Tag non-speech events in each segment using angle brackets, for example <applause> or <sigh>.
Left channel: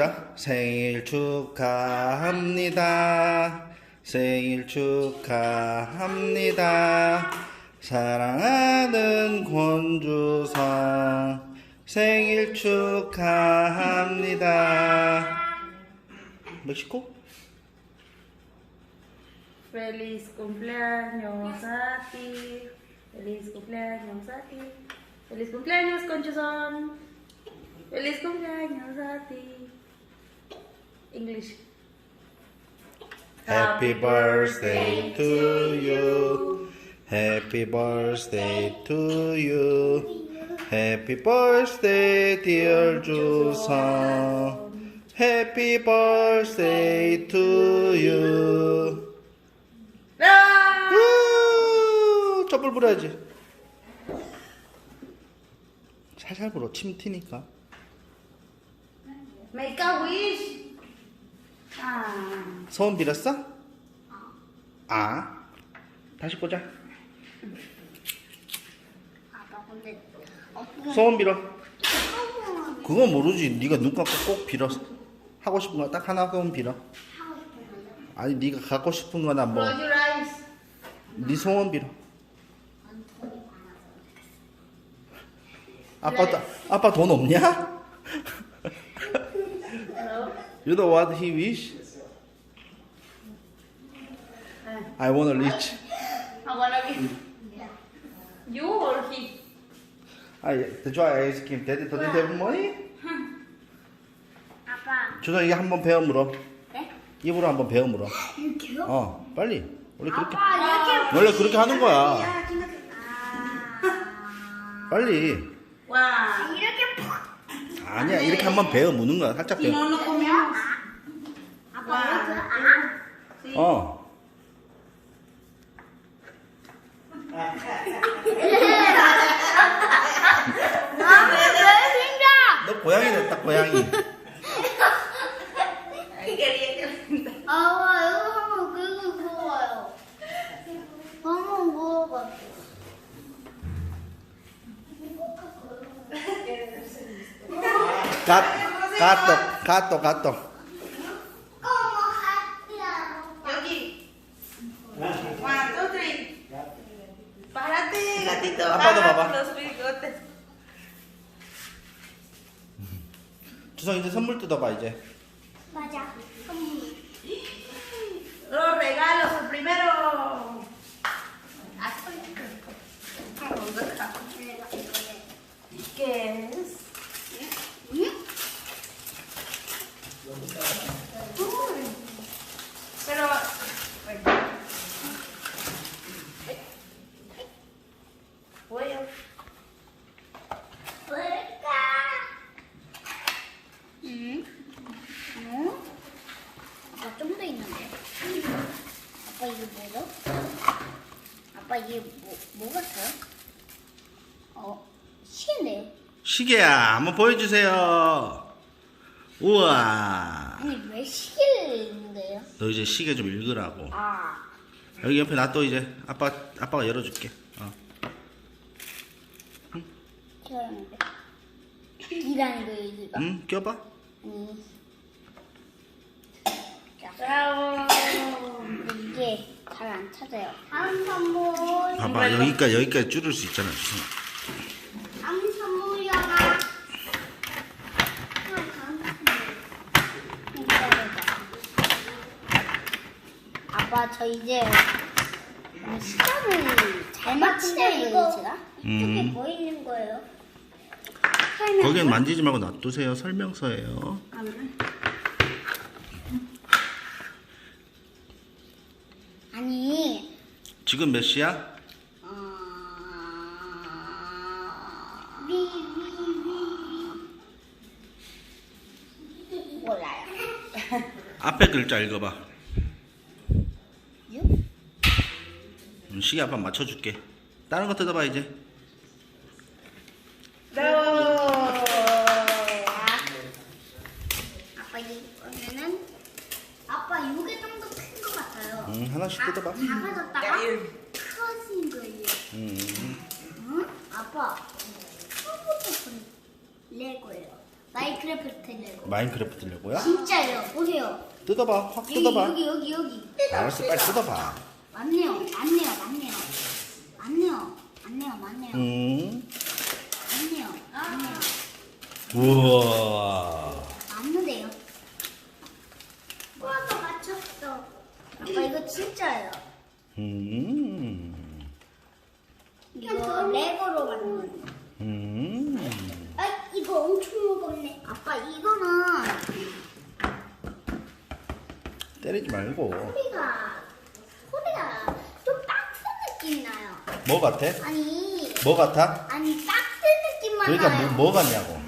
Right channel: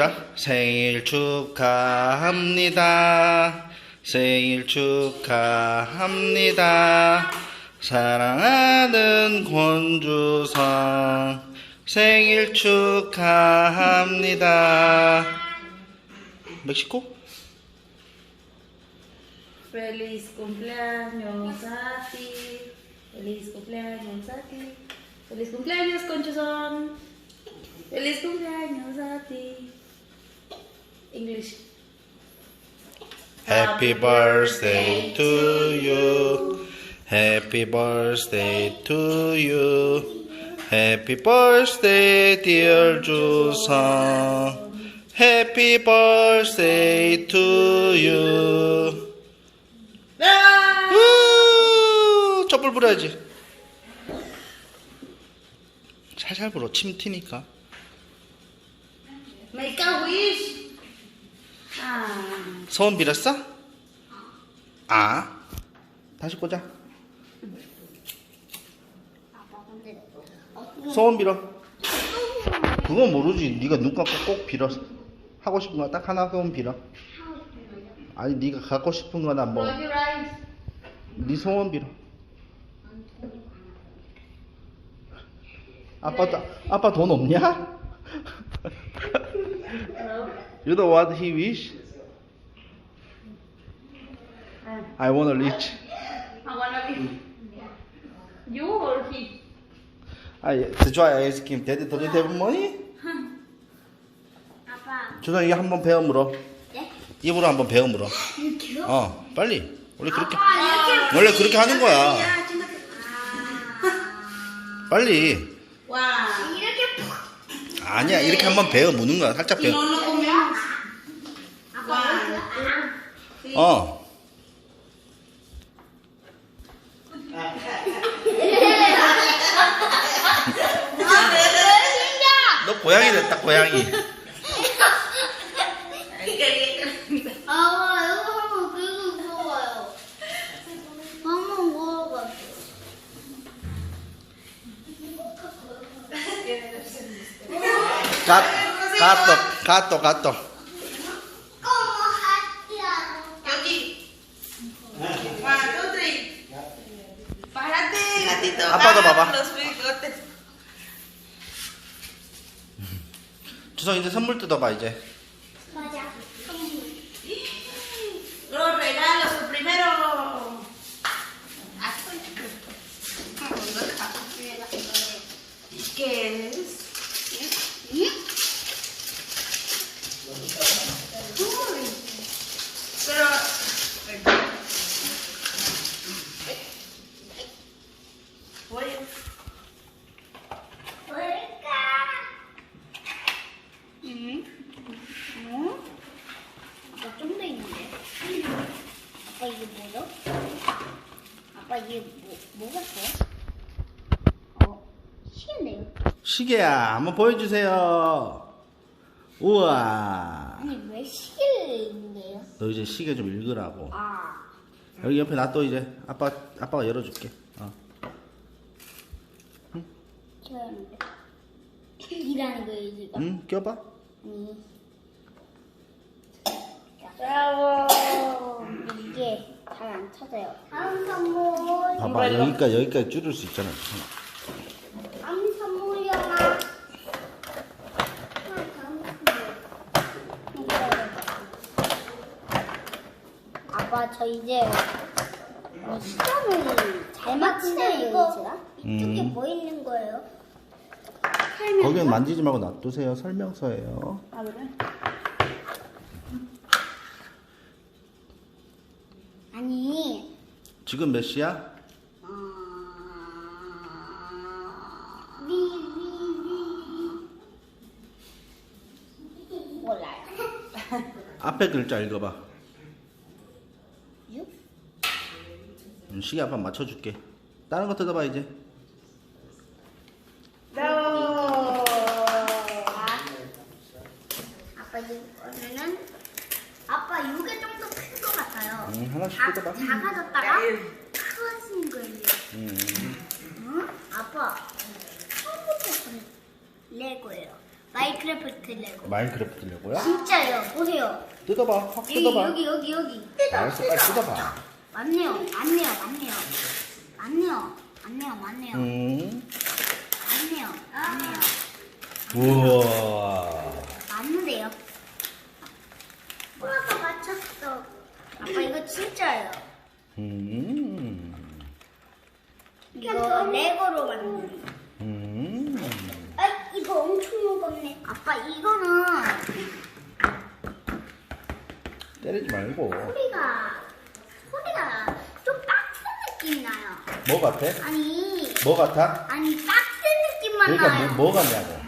자, 생일 축하합니다. 생일 축하합니다. 사랑하는 권주성 생일 축하합니다. 멕시코? Feliz cumpleaños a ti. Feliz cumpleaños a ti. Feliz cumpleaños, Conchuzón. Feliz cumpleaños a ti. English. Happy birthday to you. Happy birthday to you. Happy birthday, dear 주성. Happy birthday to you. 아! 우! 촛불 불어야지. 살살 불어. 침 튀니까. Make a wish. 아. 소원 빌었어? 아. 다시 꽂아. 아빠 근데 어떻게 소원 빌어. 그건 모르지. 네가 눈 감고 꼭 빌어. 하고 싶은 거 딱 하나 소원 빌어. 하고 싶은 거죠? 아니 네가 갖고 싶은 거나 뭐. 네 소원 빌어. 아빠 아빠 돈 없냐? You know what he wish? I wanna rich. I wanna be. You or he? 아, to try ice cream. Daddy don't have money? 아빠 주선 이게 한번 배워 물어. 네? 입으로 한번 배워 물어. 이렇게요? 어, 빨리. 원래 그렇게 아빠 이렇게 원래 그렇게 하는 거야. 아 빨리. Wow. 이렇게 푹 아니야, 이렇게 한번 배워 무는 거야. 살짝 배워. no comemos. 아빠 이렇게 아 Sí. 어. 너 고양이 됐다, 고양이. 아 이거 한번 긁고 먹어요 한번 먹어봐 가, 가또, 가또, 가또. 어머 하트야 Yogi. One, two, three. Párate, gatito. Apaga, papá. Los bigotes. 주성 이제 선물 뜯어봐, 이제. 맞아 선물 Los regalos, el primero. ¿Qué es? Pero. Voy a. 뭘까? 응? 응? 아빠 좀 더 있는데? 아빠 이게 뭐죠? 아빠 이게 뭐, 뭐 같아요? 어, 시계네요. 시계야, 한번 보여주세요. 우와. 아니 왜 시계를 있는데요? 너 이제 시계 좀 읽으라고. 아, 여기 옆에 놔둬 이제. 아빠, 아빠가 열어줄게. 어. 했는데. 이라는 거예요 지금? 응, 껴봐. 아니. 자, ¡Bravo! 이게 잘 안 찾아요. 다음 선물. 봐봐, 여기까지, 여기까지 줄일 수 있잖아. 다음 선물이야가. 다음 선물. 기다려봐. 아빠 저 이제 시간을 잘 맞추려고 제가. 이쪽에 음. 뭐 있는 거예요? 거긴 만지지 말고 놔두세요. 설명서예요. 아 그래? 지금 몇 시야? 몰라요. <laughs> 앞에 글자 읽어봐. 유? 음, 시계 아빠 맞춰줄게. 다른 거 뜯어봐 이제. ¡Bravo! 아빠 이거는 아빠 이게 좀 더 큰 것 같아요. 음, 하나씩 자- 뜯어봐. 작아졌다 가 커진 거예요. 음. 응? 아빠 처음부터 본 레고예요. 마인크래프트 레고. 마인크래프트 레고야? 진짜요. 보세요. 뜯어봐. 확 여기 뜯어봐. 여기 여기 여기. 알았어, 빨리 뜯어봐. 맞네요. 맞네요. 맞네요. 맞네요. 맞네요. 맞네요. 음. 맞네요. 맞네요. 우와. 맞는데요. 아빠 맞췄어. 아빠 이거 진짜예요. 음. 이거 레고로 만든. 음. 아 이거 엄청 무겁네. 아빠 이거는 때리지 말고. 소리가 소리가 좀 빡센 느낌이 나요. 뭐 같아? 아니 뭐 같아? 아니 빡센 느낌만 그러니까 나요. 뭐, 뭐 같냐고.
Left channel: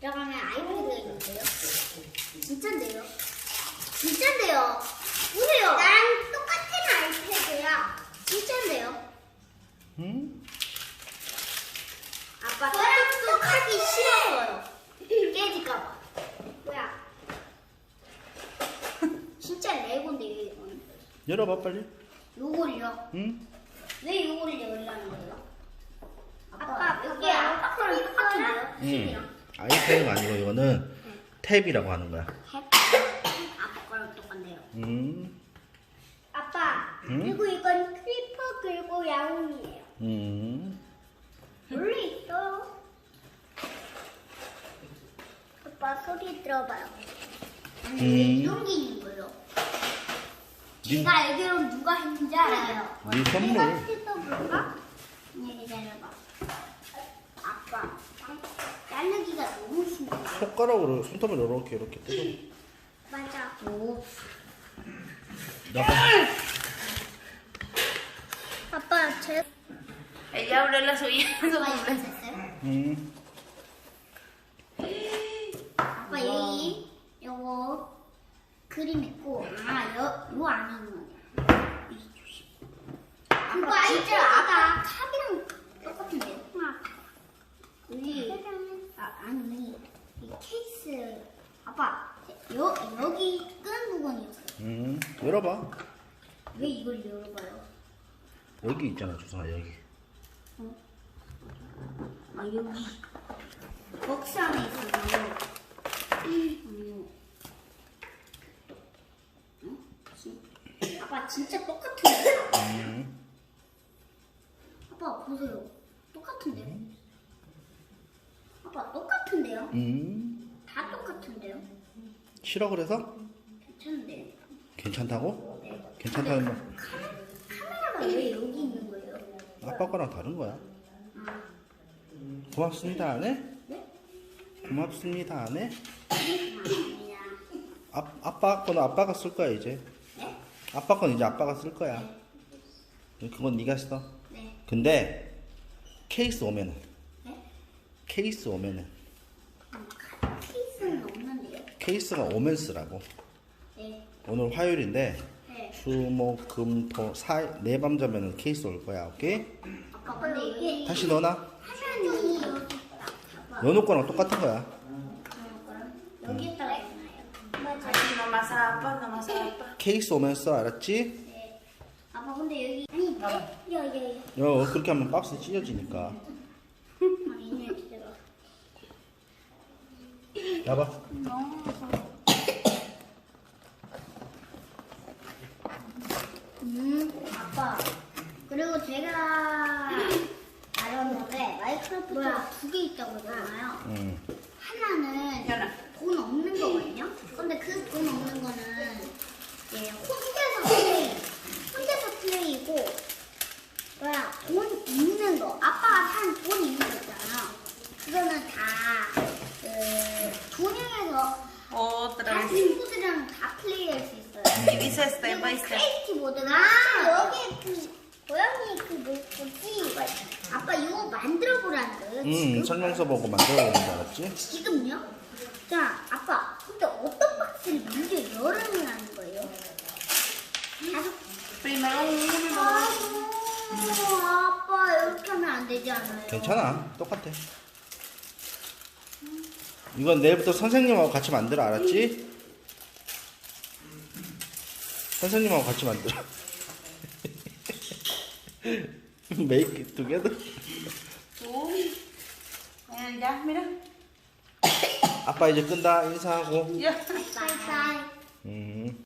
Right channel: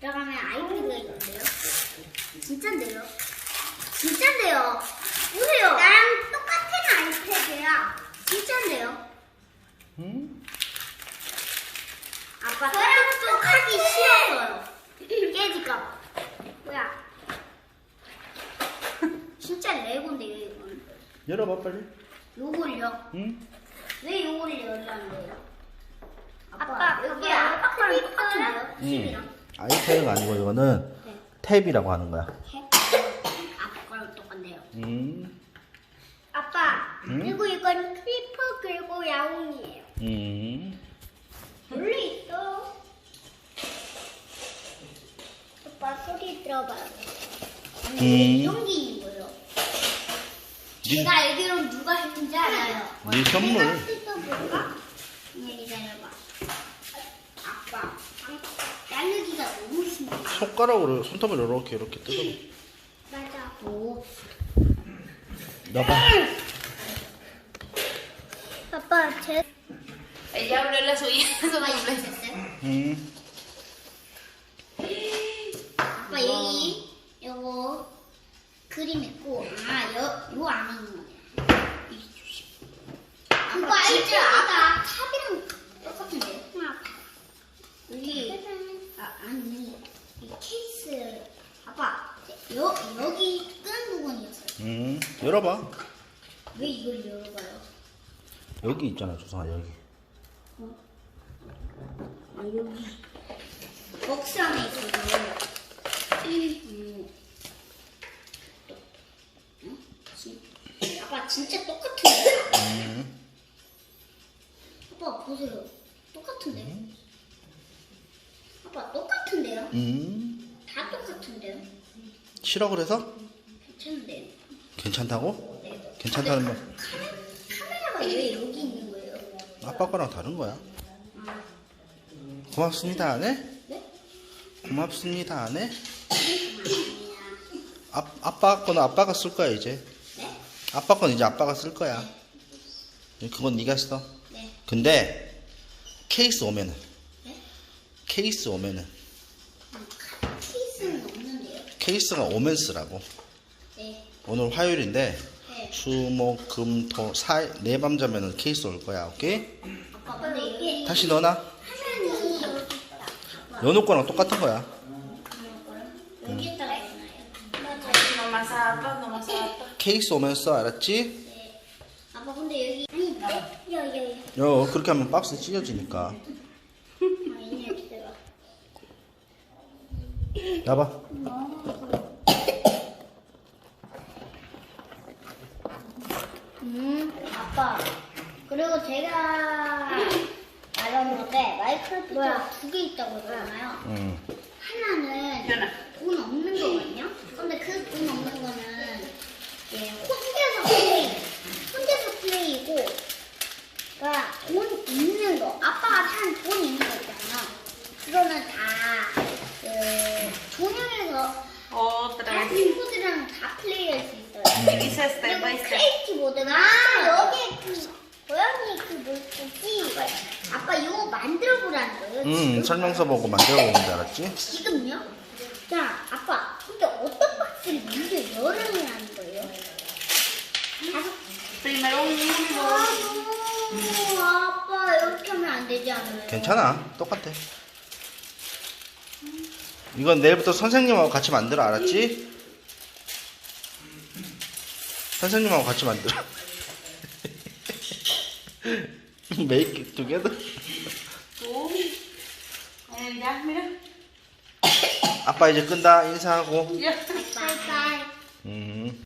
들어가면 아이패드가 있는데요. 진짠데요? 진짠데요? 진짠데요? 음? 아빠 똑똑 하기 싫어서요. 깨질까봐. 뭐야? <laughs> 진짜 레고인데요, 이건. 열어봐 빨리. 요걸요? 응? 왜 요걸 열라는 거예요? 아빠, 여기 아빠 거랑 똑같은데요? 응. 아이패드가 아니고 이거는 탭이라고 하는 거야. 아빠 거랑 똑같네요. 음. 아빠, 응? 그리고 이건 크리퍼 그리고 야옹이에요. 음. 원래 있어. 아빠 소리 들어봐요. 음. 있는 거예요. 니- 제가 알기로 누가 했는지 알아요. 네 선물. 내가 뜯어볼까? 그냥 기다려봐. 아빠, 자르기가 너무 신기해. 손가락으로 손톱을 이렇게 이렇게 뜯어. 맞아. 오. 넣어봐. 아빠, 제 Ella abrió la suya. 이거? 음. 아빠 여기 요거 그림 있고 아요 요 안에 있는 거냐? 그거 진짜 아빠 탑이랑 똑같은데? 여기 아 아니 이 케이스 아빠 여 여기 끈 부분이었어요. 음. 열어봐. 왜 이걸 열어봐요? 여기 있잖아 조성아 여기. 아 여기 박스 안에. 음. 응? 진- 아빠 진짜 똑같은데? 음. 아빠 보세요. 똑같은데요? 아빠 똑같은데요? 음. 다 똑같은데요? 싫어 그래서? 괜찮은데요? 괜찮다고? 네. 괜찮다는 말. 카메라가 왜 여기 있는 거예요? 아빠 거랑 다른 거야. 아, 고맙습니다 안 해? 네? 고맙습니다? 아니야. 아, 아빠 거는 아빠가 쓸 거야 이제. 네? 아빠 건 이제 아빠가 쓸 거야. 그건 네가 써. 네. 근데 케이스 오면은 네? 케이스 오면은 음, 케이스는 없는데요? 케이스가 오면 쓰라고. 네. 오늘 화요일인데 네. 수목금토 사네 밤 자면은 케이스 올 거야. 오케이? 아빠 근데 여기 다시 넣어놔. 화면이 여기 있다. 연호 거랑 똑같은 거야. 여기다가 있나요? zapatos. 케이스 오면 써 알았지? 네. 아빠 근데 여기 아니 네? 여여여 여 그렇게 하면 박스 찢어지니까. 기다려. <laughs> 나봐. 음 아빠 그리고 제가 말했는데 마이크로프트가 두개 있다고 했잖아요. 응. 하나는 돈 없는 거거든요. 근데 그 돈 없는 거는 이제 혼자서 플레이, 혼자서 플레이고, 돈 있는 거, 아빠가 산 돈 있는 거 있잖아. 그거는 다, 그, 종영해서 Otra. 다른 친구들이랑 다 플레이할 수 있어 step 그리고 by step. 크레이티 모드가 아, 여기 그 고양이 그 물고기 아빠 이거 만들어 보라는 거예요. 응. 지금? 설명서 보고 만들어 보면 줄 알았지? 지금요? 자, 아빠, 근데 어떤 박스를 먼저 거예요? 다섯 Primero un uno. 아이고, 아빠 이렇게 하면 안 되지 않아요? 괜찮아. 똑같아. 이건 내일부터 선생님하고 같이 만들어 알았지? 선생님하고 같이 만들어. <laughs> Make it together. 아빠 이제 끈다 인사하고. 야. 바이바이. 음.